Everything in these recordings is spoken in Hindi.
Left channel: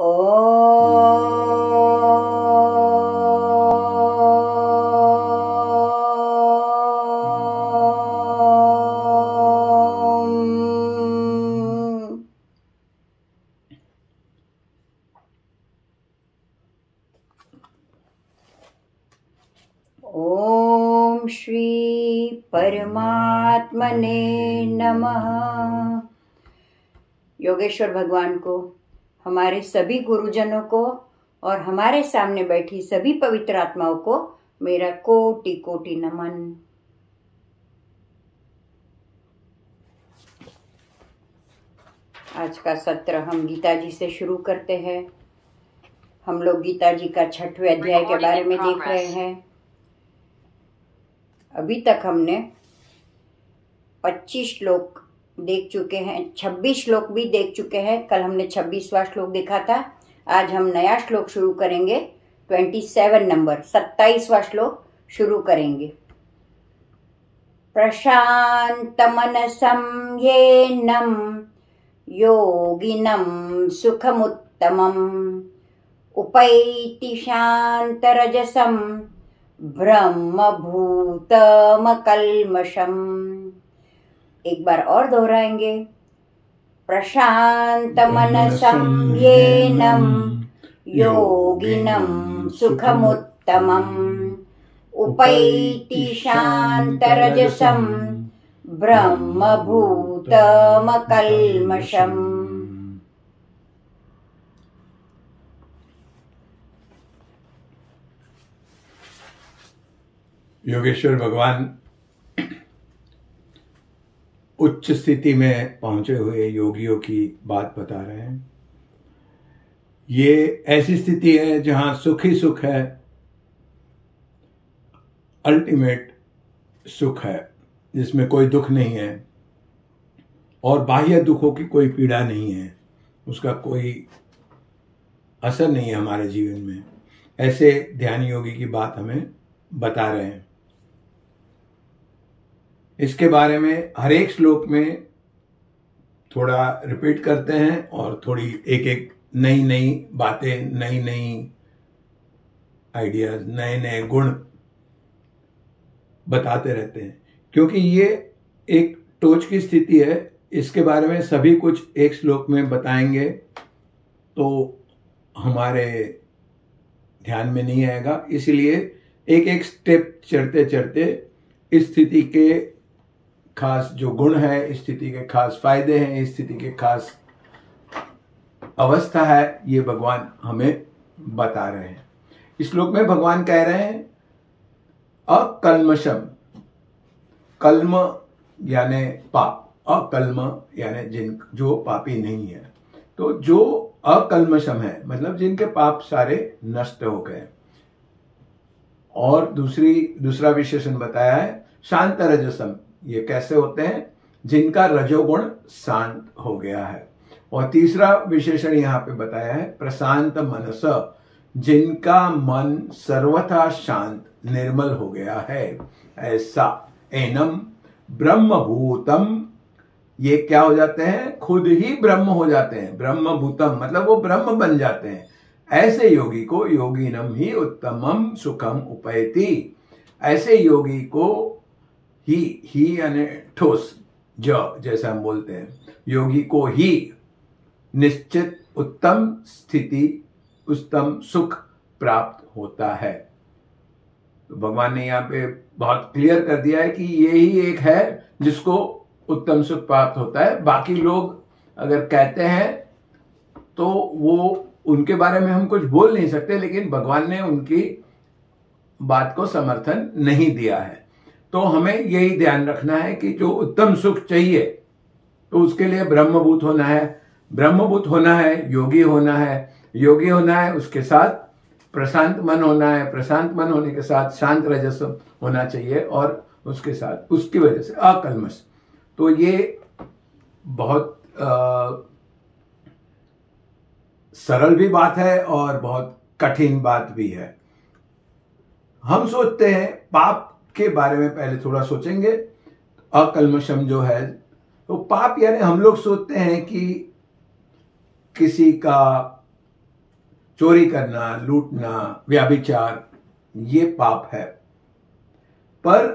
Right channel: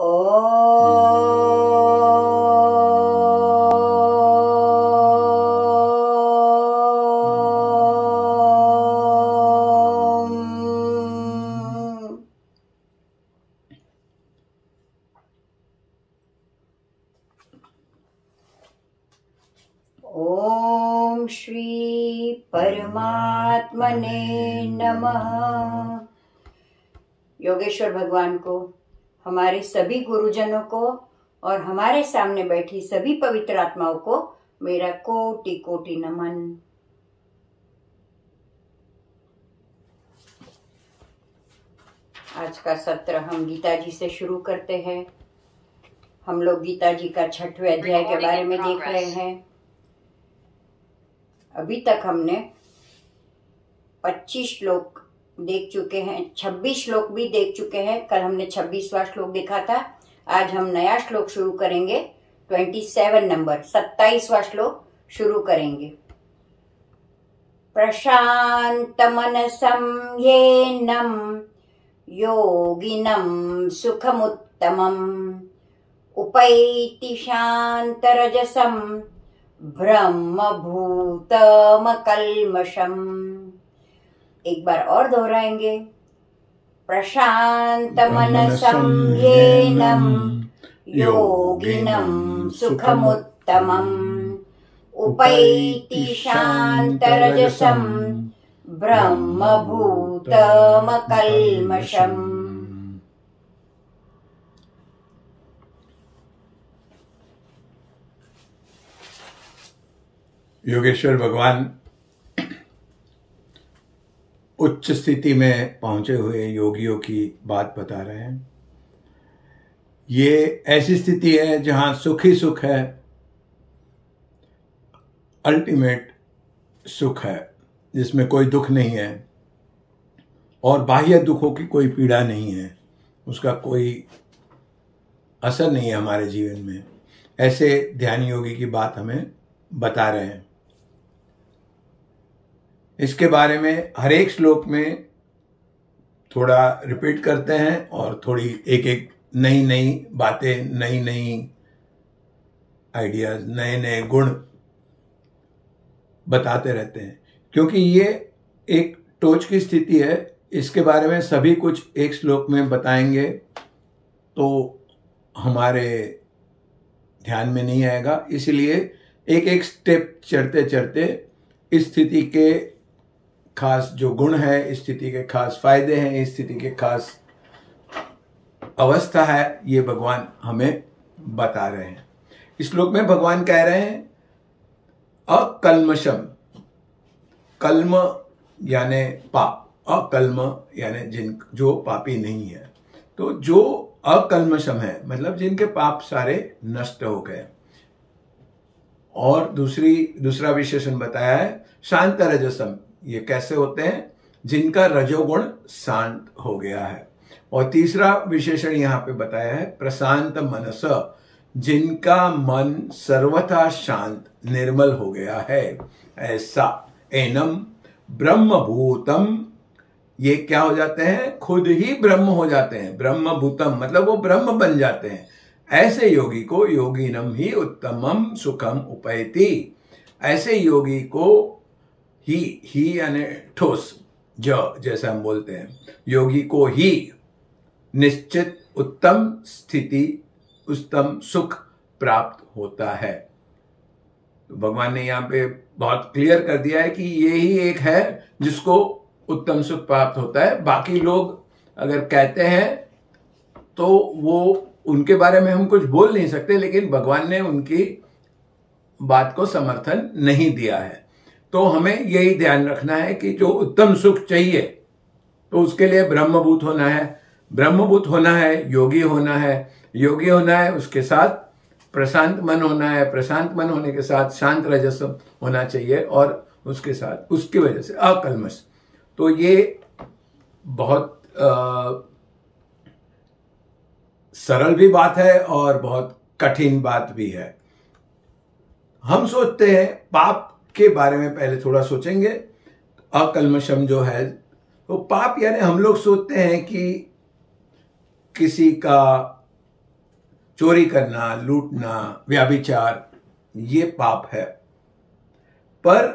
ओम श्री परमात्मने नमः। योगेश्वर भगवान को, हमारे सभी गुरुजनों को और हमारे सामने बैठी सभी पवित्र आत्माओं को मेरा कोटि कोटि नमन। आज का सत्र हम गीता जी से शुरू करते हैं। हम लोग गीता जी का 6वें अध्याय के बारे में देख रहे हैं। अभी तक हमने 25 श्लोक देख चुके हैं, 26 श्लोक भी देख चुके हैं। कल हमने 26वां श्लोक देखा था। आज हम नया श्लोक शुरू करेंगे। 27 नंबर 27वां श्लोक शुरू करेंगे। प्रशांत मनसं येनम योगिनम सुखमुत्तमम उपैति शांतरजसम ब्रह्मभूतमकल्मषम्। एक बार और दोहराएंगे। प्रशांत मनसं येनम योगिनम सुखमुत्तमम् उपैति शांतरजसं ब्रह्मभूतमकल्मषम्। योगेश्वर भगवान उच्च स्थिति में पहुंचे हुए योगियों की बात बता रहे हैं। ये ऐसी स्थिति है जहां सुख ही सुख है, अल्टीमेट सुख है, जिसमें कोई दुख नहीं है और बाह्य दुखों की कोई पीड़ा नहीं है, उसका कोई असर नहीं है हमारे जीवन में। ऐसे ध्यान योगी की बात हमें बता रहे हैं। इसके बारे में हर एक श्लोक में थोड़ा रिपीट करते हैं और थोड़ी एक एक नई नई बातें, नई नई आइडियाज, नए नए गुण बताते रहते हैं। क्योंकि ये एक टोच की स्थिति है, इसके बारे में सभी कुछ एक श्लोक में बताएंगे तो हमारे ध्यान में नहीं आएगा। इसलिए एक एक स्टेप चढ़ते चढ़ते इस स्थिति के खास जो गुण है, इस स्थिति के खास फायदे हैं, इस स्थिति के खास अवस्था है, ये भगवान हमें बता रहे हैं। इस श्लोक में भगवान कह रहे हैं अकल्मषम। कल्म यानी पाप, अकल्म यानी जो पापी नहीं है। तो जो अकल्मषम है मतलब जिनके पाप सारे नष्ट हो गए। और दूसरा विशेषण बताया है शांत रजसम। ये कैसे होते हैं? जिनका रजोगुण शांत हो गया है। और तीसरा विशेषण यहाँ पे बताया है प्रशांत मनस, जिनका मन सर्वथा शांत निर्मल हो गया है। ऐसा एनम ब्रह्मभूतम, ये क्या हो जाते हैं? खुद ही ब्रह्म हो जाते हैं। ब्रह्मभूतम मतलब वो ब्रह्म बन जाते हैं। ऐसे योगी को योगिनम ही उत्तमम सुखम उपैति। ऐसे योगी को ही यानी ठोस जैसा हम बोलते हैं, योगी को ही निश्चित उत्तम स्थिति, उत्तम सुख प्राप्त होता है। तो भगवान ने यहाँ पे बहुत क्लियर कर दिया है कि ये ही एक है जिसको उत्तम सुख प्राप्त होता है। बाकी लोग अगर कहते हैं तो वो उनके बारे में हम कुछ बोल नहीं सकते, लेकिन भगवान ने उनकी बात को समर्थन नहीं दिया है। तो हमें यही ध्यान रखना है कि जो उत्तम सुख चाहिए तो उसके लिए ब्रह्मभूत होना है। ब्रह्मभूत होना है, योगी होना है। योगी होना है, उसके साथ प्रशांत मन होना है। प्रशांत मन होने के साथ शांत रजस होना चाहिए और उसके साथ उसकी वजह से अकल्मष। तो ये बहुत सरल भी बात है और बहुत कठिन बात भी है। हम सोचते हैं पाप के बारे में पहले थोड़ा सोचेंगे। अकल्मषम जो है तो पाप यानी हम लोग सोचते हैं कि किसी का चोरी करना, लूटना, व्यभिचार, ये पाप है। पर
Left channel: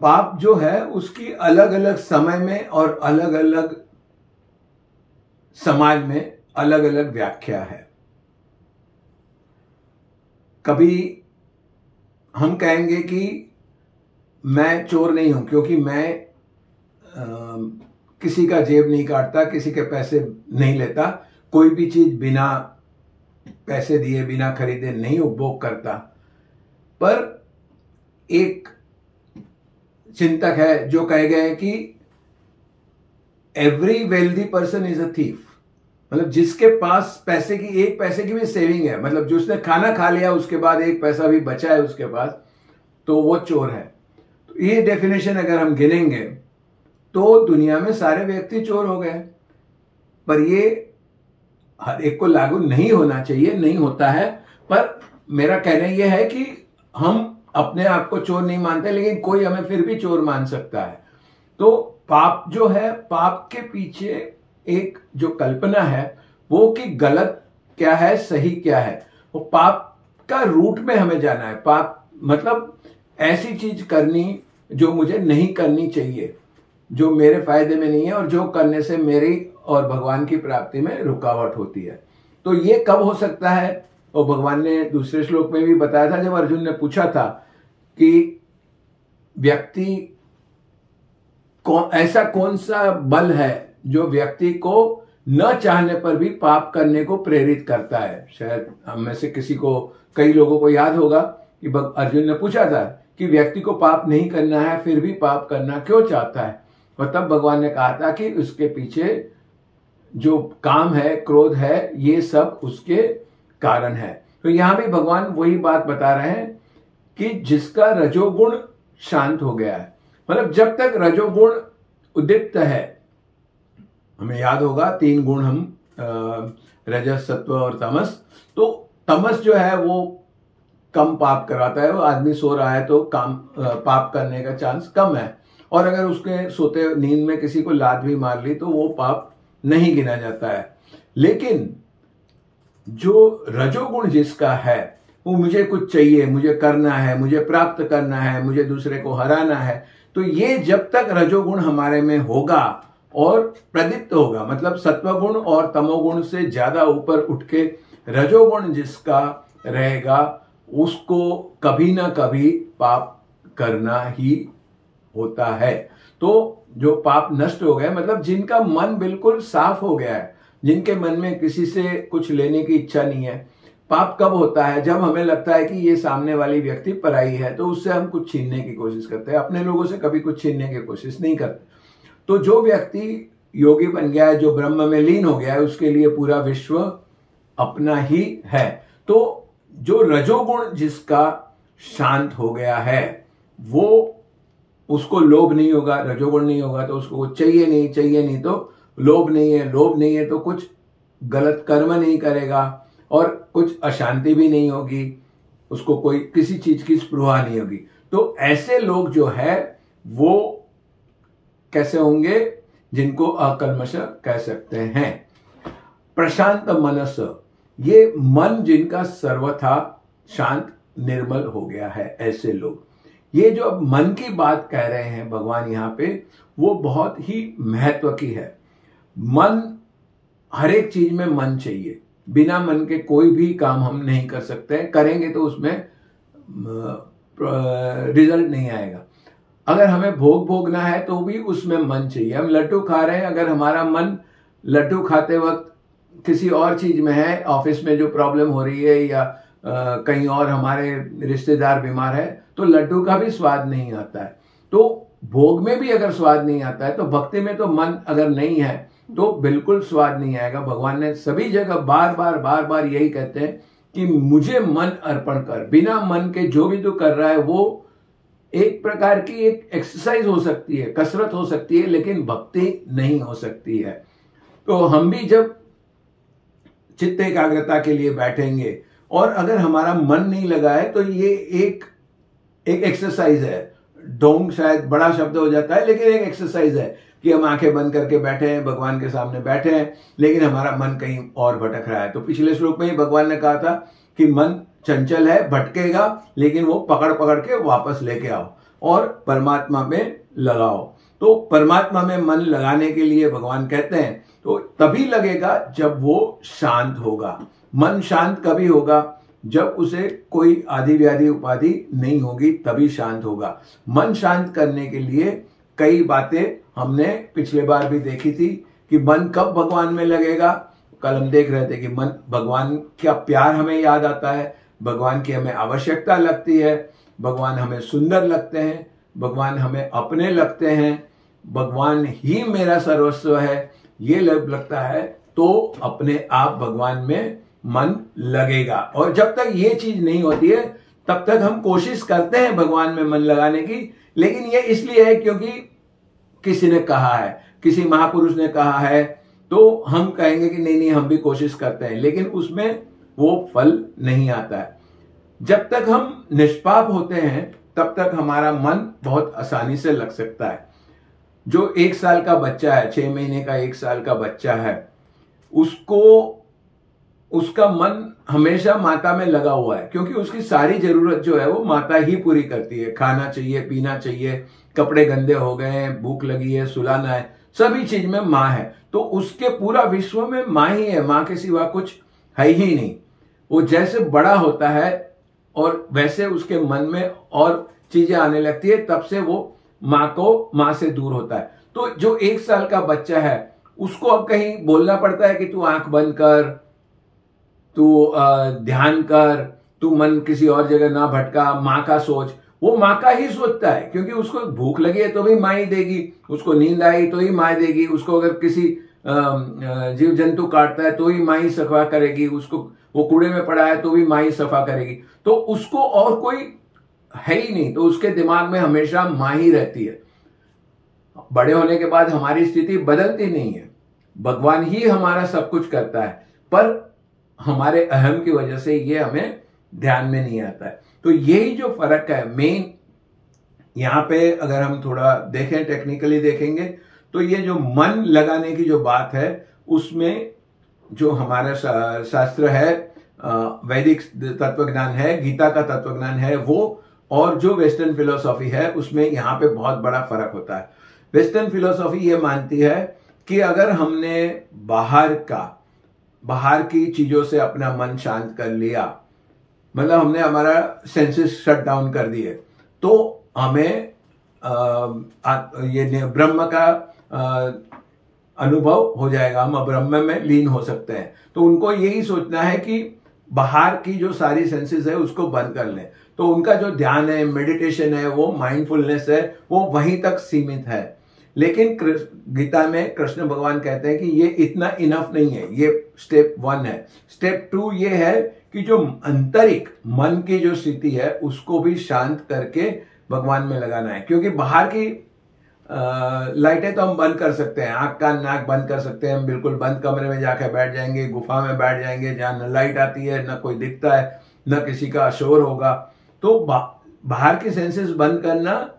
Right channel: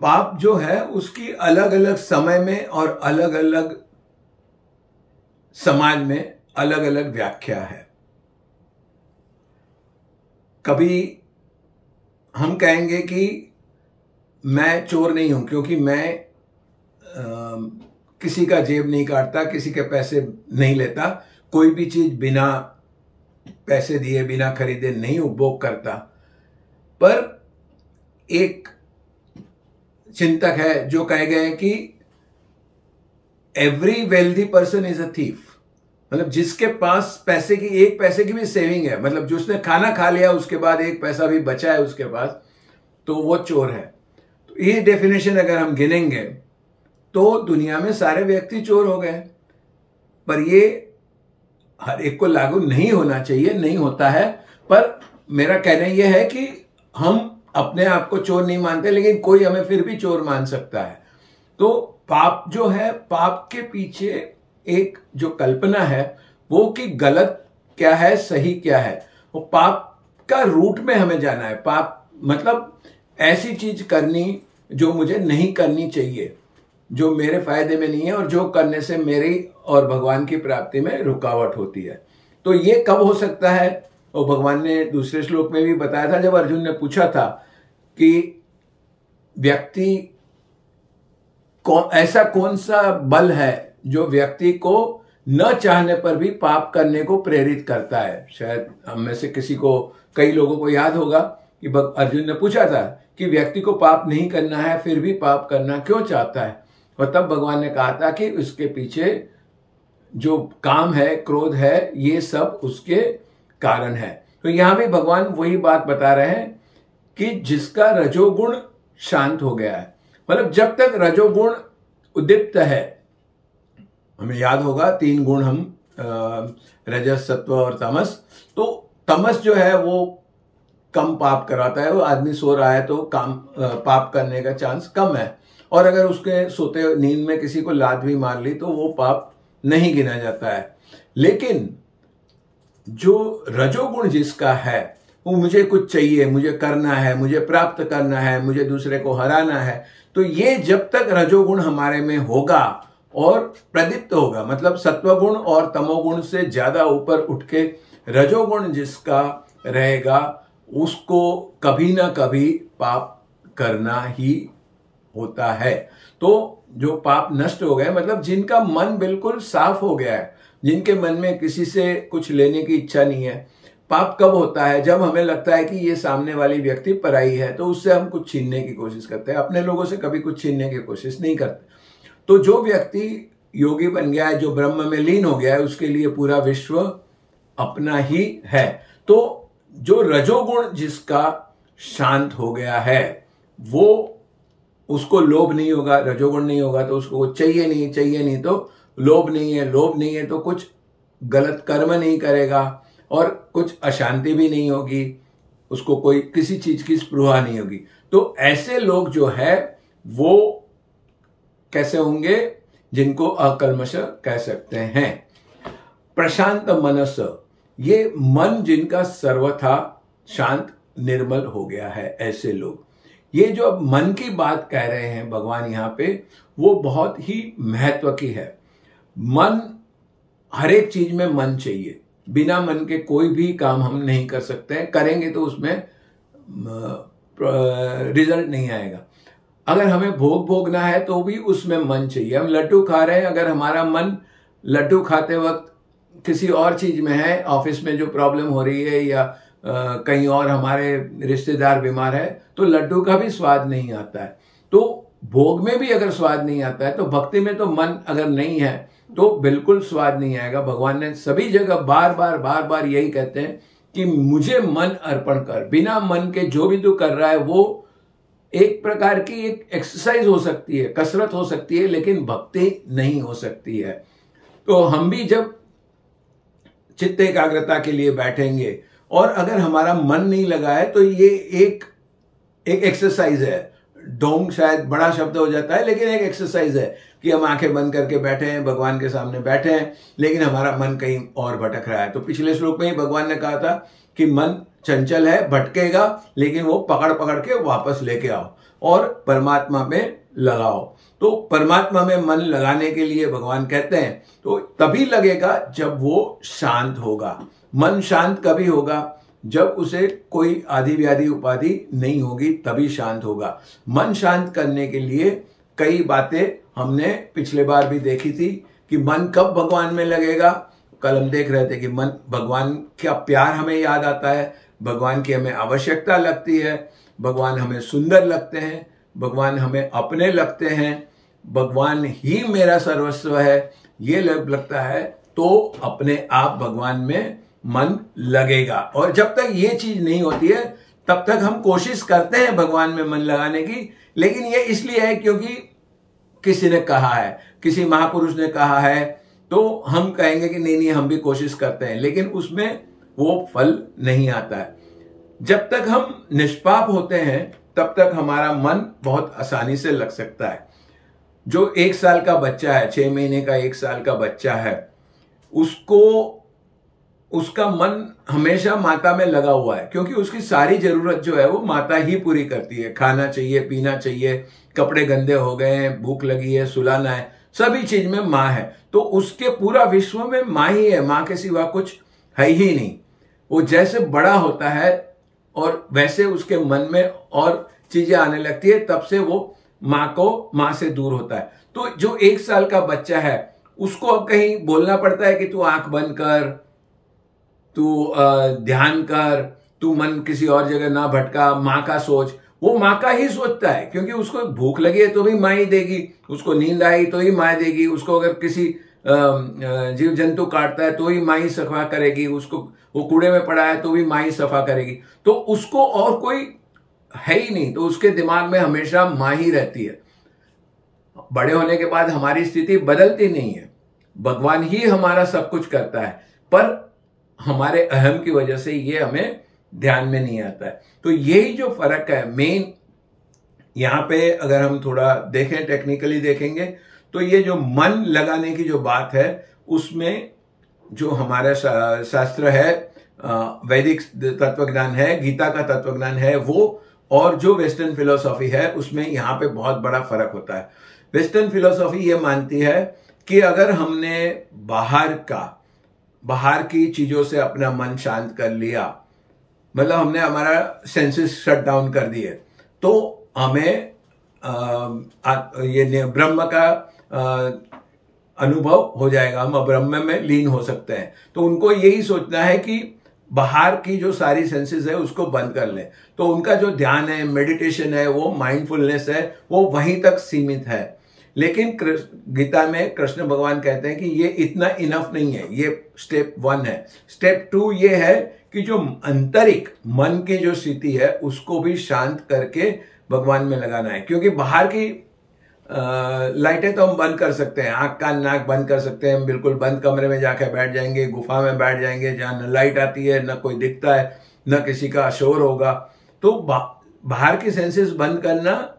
पाप जो है उसकी अलग अलग समय में और अलग अलग समाज में अलग अलग व्याख्या है। कभी हम कहेंगे कि मैं चोर नहीं हूं क्योंकि मैं किसी का जेब नहीं काटता, किसी के पैसे नहीं लेता, कोई भी चीज बिना पैसे दिए, बिना खरीदे नहीं उपभोग करता। पर एक चिंतक है जो कहे गए कि every wealthy person is a thief, मतलब जिसके पास पैसे की एक पैसे की भी सेविंग है, मतलब जो उसने खाना खा लिया उसके बाद एक पैसा भी बचा है उसके पास, तो वो चोर है। तो ये डेफिनेशन अगर हम गिनेंगे तो दुनिया में सारे व्यक्ति चोर हो गए। पर ये हर एक को लागू नहीं होना चाहिए, नहीं होता है। पर मेरा कहना यह है कि हम अपने आप को चोर नहीं मानते, लेकिन कोई हमें फिर भी चोर मान सकता है। तो पाप जो है, पाप के पीछे एक जो कल्पना है वो कि गलत क्या है, सही क्या है, वो पाप का रूट में हमें जाना है। पाप मतलब ऐसी चीज करनी जो मुझे नहीं करनी चाहिए, जो मेरे फायदे में नहीं है और जो करने से मेरी और भगवान की प्राप्ति में रुकावट होती है। तो ये कब हो सकता है? और भगवान ने दूसरे श्लोक में भी बताया था, जब अर्जुन ने पूछा था कि व्यक्ति ऐसा कौन सा बल है जो व्यक्ति को न चाहने पर भी पाप करने को प्रेरित करता है। शायद हम में से किसी को, कई लोगों को याद होगा कि अर्जुन ने पूछा था कि व्यक्ति को पाप नहीं करना है फिर भी पाप करना क्यों चाहता है। और तब भगवान ने कहा था कि उसके पीछे जो काम है, क्रोध है, ये सब उसके कारण है। तो यहां भी भगवान वही बात बता रहे हैं कि जिसका रजोगुण शांत हो गया है, मतलब जब तक रजोगुण उद्दीप्त है, हमें याद होगा 3 गुण हम रजस, सत्व और तमस। तो तमस जो है वो कम पाप कराता है। वो आदमी सो रहा है तो पाप करने का चांस कम है, और अगर उसके सोते नींद में किसी को लात भी मार ली तो वो पाप नहीं गिना जाता है। लेकिन जो रजोगुण जिसका है, वो मुझे कुछ चाहिए, मुझे करना है, मुझे प्राप्त करना है, मुझे दूसरे को हराना है, तो ये जब तक रजोगुण हमारे में होगा और प्रदीप्त होगा, मतलब सत्वगुण और तमोगुण से ज्यादा ऊपर उठ के रजोगुण जिसका रहेगा, उसको कभी ना कभी पाप करना ही होता है। तो जो पाप नष्ट हो गए, मतलब जिनका मन बिल्कुल साफ हो गया है, जिनके मन में किसी से कुछ लेने की इच्छा नहीं है। पाप कब होता है? जब हमें लगता है कि ये सामने वाली व्यक्ति पराई है, तो उससे हम कुछ छीनने की कोशिश करते हैं। अपने लोगों से कभी कुछ छीनने की कोशिश नहीं करते। तो जो व्यक्ति योगी बन गया है, जो ब्रह्म में लीन हो गया है, उसके लिए पूरा विश्व अपना ही है। तो जो रजोगुण जिसका शांत हो गया है, वो उसको लोभ नहीं होगा। रजोगुण नहीं होगा तो उसको चाहिए नहीं, चाहिए नहीं तो लोभ नहीं है, लोभ नहीं है तो कुछ गलत कर्म नहीं करेगा और कुछ अशांति भी नहीं होगी, उसको कोई किसी चीज की स्पृहा नहीं होगी। तो ऐसे लोग जो है वो कैसे होंगे? जिनको अकल्मष कह सकते हैं। प्रशांत मनस, ये मन जिनका सर्वथा शांत निर्मल हो गया है, ऐसे लोग। ये जो अब मन की बात कह रहे हैं भगवान यहां पे, वो बहुत ही महत्व की है। मन, हर एक चीज में मन चाहिए। बिना मन के कोई भी काम हम नहीं कर सकते हैं, करेंगे तो उसमें रिजल्ट नहीं आएगा। अगर हमें भोग भोगना है तो भी उसमें मन चाहिए। हम लड्डू खा रहे हैं, अगर हमारा मन लड्डू खाते वक्त किसी और चीज में है, ऑफिस में जो प्रॉब्लम हो रही है या कहीं और हमारे रिश्तेदार बीमार है, तो लड्डू का भी स्वाद नहीं आता है। तो भोग में भी अगर स्वाद नहीं आता है, तो भक्ति में तो मन अगर नहीं है तो बिल्कुल स्वाद नहीं आएगा। भगवान ने सभी जगह बार बार यही कहते हैं कि मुझे मन अर्पण कर। बिना मन के जो भी तू कर रहा है वो एक प्रकार की एक एक्सरसाइज हो सकती है, कसरत हो सकती है, लेकिन भक्ति नहीं हो सकती है। तो हम भी जब चित्त एकाग्रता के लिए बैठेंगे और अगर हमारा मन नहीं लगा है, तो ये एक एक्सरसाइज है। ढोंग शायद बड़ा शब्द हो जाता है, लेकिन एक एक्सरसाइज है कि हम आंखें बंद करके बैठे हैं, भगवान के सामने बैठे हैं, लेकिन हमारा मन कहीं और भटक रहा है। तो पिछले श्लोक में ही भगवान ने कहा था कि मन चंचल है, भटकेगा, लेकिन वो पकड़ पकड़ के वापस लेके आओ और परमात्मा में लगाओ। तो परमात्मा में मन लगाने के लिए भगवान कहते हैं तो तभी लगेगा जब वो शांत होगा। मन शांत कभी होगा? जब उसे कोई आदि व्याधि उपाधि नहीं होगी, तभी शांत होगा। मन शांत करने के लिए कई बातें हमने पिछले बार भी देखी थी कि मन कब भगवान में लगेगा। कल हम देख रहे थे कि मन, भगवान का प्यार हमें याद आता है, भगवान की हमें आवश्यकता लगती है, भगवान हमें सुंदर लगते हैं, भगवान हमें अपने लगते हैं, भगवान ही मेरा सर्वस्व है, ये लगता है, तो अपने आप भगवान में मन लगेगा। और जब तक ये चीज नहीं होती है तब तक हम कोशिश करते हैं भगवान में मन लगाने की, लेकिन ये इसलिए है क्योंकि किसी ने कहा है, किसी महापुरुष ने कहा है, तो हम कहेंगे कि नहीं नहीं हम भी कोशिश करते हैं, लेकिन उसमें वो फल नहीं आता है। जब तक हम निष्पाप होते हैं तब तक हमारा मन बहुत आसानी से लग सकता है। जो 1 साल का बच्चा है, 6 महीने का 1 साल का बच्चा है, उसका मन हमेशा माता में लगा हुआ है, क्योंकि उसकी सारी जरूरत जो है वो माता ही पूरी करती है। खाना चाहिए, पीना चाहिए, कपड़े गंदे हो गए हैं, भूख लगी है, सुलाना है, सभी चीज में माँ है। तो उसके पूरा विश्व में माँ ही है, माँ के सिवा कुछ है ही नहीं। वो जैसे बड़ा होता है और वैसे उसके मन में और चीजें आने लगती है, तब से वो माँ से दूर होता है। तो जो 1 साल का बच्चा है उसको अब कहीं बोलना पड़ता है कि तू आंख बंद कर, तू ध्यान कर, तू मन किसी और जगह ना भटका, माँ का सोच। वो माँ का ही सोचता है, क्योंकि उसको भूख लगी है तो भी माँ ही देगी, उसको नींद आई तो ही माँ देगी, उसको अगर किसी जीव जंतु काटता है तो ही माँ ही सफा करेगी, उसको वो कूड़े में पड़ा है तो भी माँ ही सफा करेगी। तो उसको और कोई है ही नहीं, तो उसके दिमाग में हमेशा माँ ही रहती है। बड़े होने के बाद हमारी स्थिति बदलती नहीं है, भगवान ही हमारा सब कुछ करता है, पर हमारे अहम की वजह से ये हमें ध्यान में नहीं आता है। तो यही जो फर्क है मेन, यहां पे अगर हम थोड़ा देखें, टेक्निकली देखेंगे, तो ये जो मन लगाने की जो बात है उसमें जो हमारा शास्त्र है, वैदिक तत्वज्ञान है, गीता का तत्वज्ञान है वो, और जो वेस्टर्न फिलोसॉफी है उसमें यहाँ पे बहुत बड़ा फर्क होता है। वेस्टर्न फिलोसॉफी ये मानती है कि अगर हमने बाहर की चीजों से अपना मन शांत कर लिया, मतलब हमने हमारा सेंसेस शट डाउन कर दिए, तो हमें ये ब्रह्म का अनुभव हो जाएगा, हम ब्रह्म में लीन हो सकते हैं। तो उनको यही सोचना है कि बाहर की जो सारी सेंसेस है उसको बंद कर लें। तो उनका जो ध्यान है, मेडिटेशन है, वो माइंडफुलनेस है, वो वहीं तक सीमित है। लेकिन गीता में कृष्ण भगवान कहते हैं कि ये इतना इनफ नहीं है, ये स्टेप 1 है। स्टेप 2 ये है कि जो आंतरिक मन की जो स्थिति है उसको भी शांत करके भगवान में लगाना है। क्योंकि बाहर की लाइटें तो हम बंद कर सकते हैं, आंख कान नाक बंद कर सकते हैं, हम बिल्कुल बंद कमरे में जाके बैठ जाएंगे, गुफा में बैठ जाएंगे जहां न लाइट आती है, न कोई दिखता है, न किसी का शोर होगा। तो बाहर की सेंसेस बंद करना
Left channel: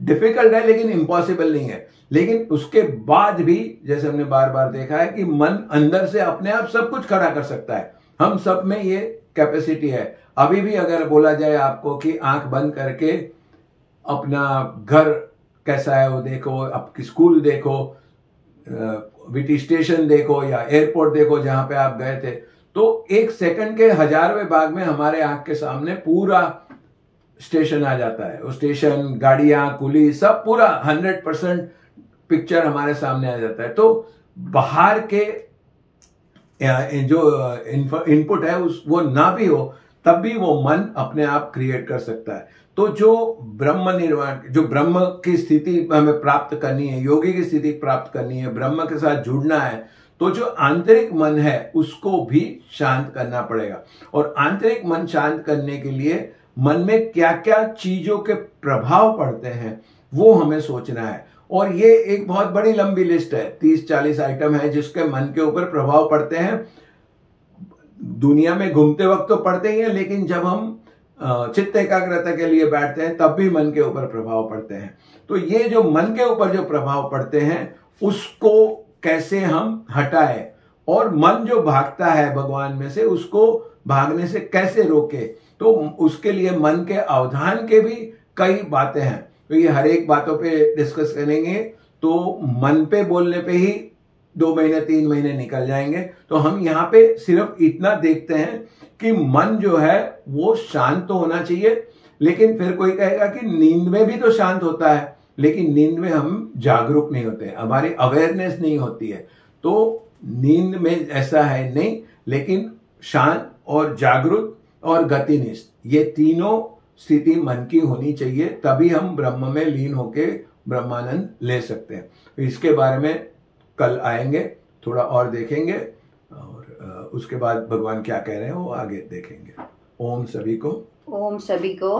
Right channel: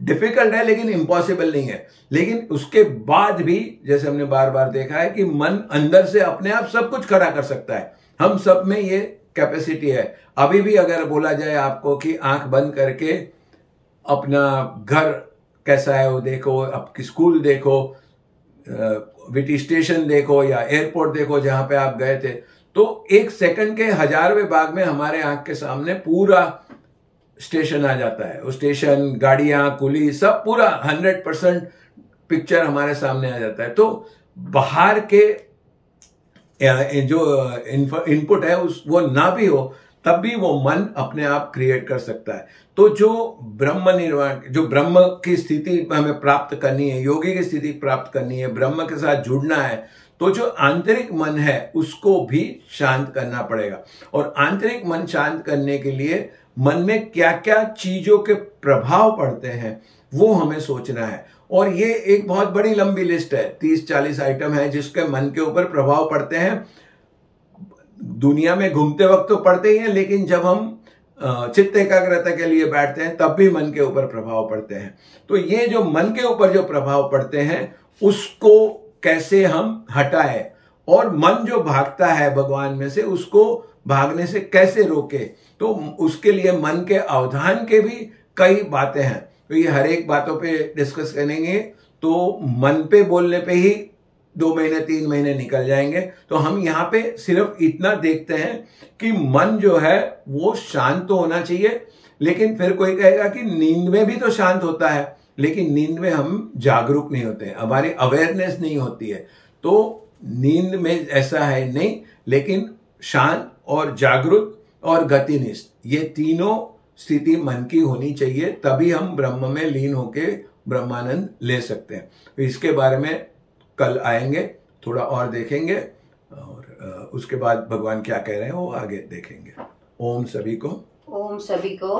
डिफिकल्ट है, लेकिन इम्पॉसिबल नहीं है। लेकिन उसके बाद भी जैसे हमने बार बार देखा है कि मन अंदर से अपने आप सब कुछ खड़ा कर सकता है, हम सब में ये कैपेसिटी है। अभी भी अगर बोला जाए आपको कि आंख बंद करके अपना घर कैसा है वो देखो, आपकी स्कूल देखो, विटी स्टेशन देखो या एयरपोर्ट देखो जहां पे आप गए थे, तो 1 सेकंड के 1000वें भाग में हमारे आंख के सामने पूरा स्टेशन आ जाता है। वो स्टेशन, गाड़ियां, कुली, सब पूरा 100% पिक्चर हमारे सामने आ जाता है। तो बाहर के जो इनपुट है वो ना भी हो तब भी वो मन अपने आप क्रिएट कर सकता है। तो जो ब्रह्म निर्वाण, जो ब्रह्म की स्थिति हमें प्राप्त करनी है, योगी की स्थिति प्राप्त करनी है, ब्रह्म के साथ जुड़ना है, तो जो आंतरिक मन है उसको भी शांत करना पड़ेगा। और आंतरिक मन शांत करने के लिए मन में क्या क्या चीजों के प्रभाव पड़ते हैं वो हमें सोचना है। और ये एक बहुत बड़ी लंबी लिस्ट है, 30-40 आइटम है जिसके मन के ऊपर प्रभाव पड़ते हैं। दुनिया में घूमते वक्त तो पड़ते ही हैं, लेकिन जब हम चित्त एकाग्रता के लिए बैठते हैं तब भी मन के ऊपर प्रभाव पड़ते हैं। तो ये जो मन के ऊपर जो प्रभाव पड़ते हैं उसको कैसे हम हटाएं, और मन जो भागता है भगवान में से उसको भागने से कैसे रोके, तो उसके लिए मन के अवधान के भी कई बातें हैं। तो ये हर एक बातों पे डिस्कस करेंगे, तो मन पे बोलने पे ही 2 महीने 3 महीने निकल जाएंगे। तो हम यहाँ पे सिर्फ इतना देखते हैं कि मन जो है वो शांत तो होना चाहिए, लेकिन फिर कोई कहेगा कि नींद में भी तो शांत होता है, लेकिन नींद में हम जागरूक नहीं होते, हमारी अवेयरनेस नहीं होती है। तो नींद में ऐसा है नहीं, लेकिन शांत और जागरूक और गतिनिष्ठ ये तीनों स्थिति मन की होनी चाहिए, तभी हम ब्रह्म में लीन होके ब्रह्मानंद ले सकते हैं। तो इसके बारे में कल आएंगे, थोड़ा और देखेंगे, और उसके बाद भगवान क्या कह रहे हैं वो आगे देखेंगे। ओम सभी को। ओम सभी को।